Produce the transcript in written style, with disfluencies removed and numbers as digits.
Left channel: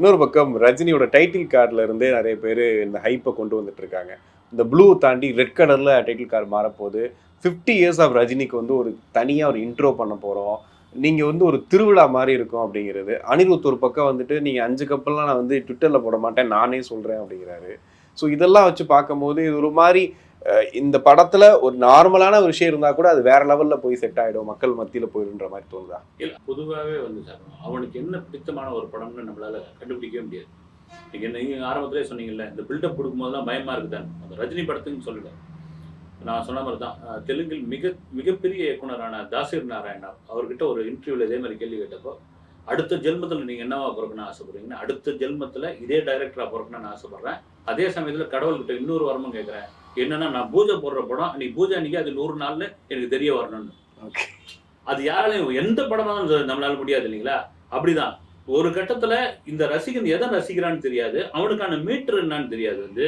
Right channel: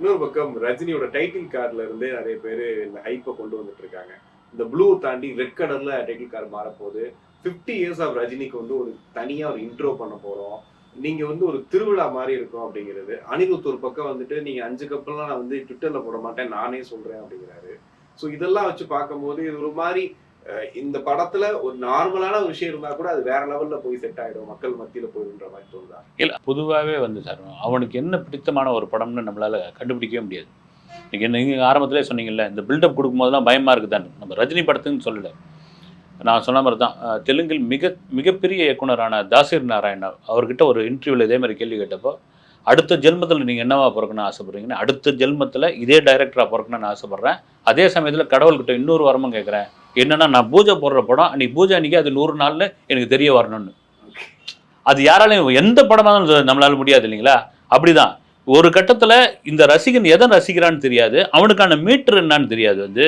இன்னொரு பக்கம் ரஜினியோட டைட்டில் கார்டுல இருந்தே நிறைய பேர் இந்த ஹைப்பை கொண்டு வந்துட்டு இருக்காங்க. இந்த ப்ளூ தாண்டி ரெட் கலர்ல டைட்டில் கார்டு மாறப்போகுது. 50 இயர்ஸ் ஆஃப் ரஜினிக்கு வந்து ஒரு தனியா ஒரு இன்ட்ரோ பண்ண போறோம். நீங்க வந்து ஒரு திருவிழா மாரி இருக்கும் அப்படிங்கிறது. அனிருத் ஒரு பக்கம் வந்துட்டு நீங்க 5 கப்பல்லாம் நான் வந்து ட்விட்டர்ல போட மாட்டேன். நானே சொல்றேன் அப்படிங்கிறாரு. ஸோ இதெல்லாம் வச்சு பார்க்கும்போது இது ஒரு மாரி இந்த படத்துல ஒரு நார்மலான ஒரு விஷயம் இருந்தா கூட அது வேற லெவல்ல போய் செட் ஆயிடும். மக்கள் மத்தியில போயிடும்ன்ற மாரி தோணுதா? இல்ல பொதுவாவே வந்து சார், அவனுக்கு என்ன பிடித்தமான ஒரு படம்னு நம்மளால கண்டுபிடிக்கவே முடியாது. நீங்க ஆரம்பத்திலே சொன்னீங்கல்ல, இந்த பில்டப் குடுக்கும்போதெல்லாம் பயமா இருக்குதான்னு. நம்ம ரஜினி படத்துக்குன்னு சொல்லல. நான் சொன்ன மாரி தான். தெலுங்கில் மிகப்பெரிய இயக்குனரான தாசீர் நாராயண் அவர்கிட்ட ஒரு இன்டர்வியூல இதே மாரி கேள்வி கேட்டப்போ, அடுத்த ஜென்மத்தில நீங்க என்னவா பொறக்கணும்னு ஆசைப்படுறீங்கன்னா, அடுத்த ஜென்மத்தில இதே டைரக்டரா பொறக்கணும்னு ஆசைப்படுறேன். அதே சமயத்தில கடவுள்கிட்ட இன்னொரு வரமும் கேட்கிறேன். என்னன்னா, நான் பூஜை போடுற படம் அன்னைக்கு பூஜை அன்னைக்கு அது 100 நாள்ல எனக்கு தெரிய வரணும்னு. ஓகே. அது யாராலயும் எந்த படமா இருந்தாலும் நம்மளால முடியாது இல்லைங்களா? அப்படிதான். ஒரு கட்டத்தில இந்த ரசிகன் எத ரசிக்கிறான்னு தெரியாது. அவனுக்கான மீட்டர் என்னன்னு தெரியாது வந்து.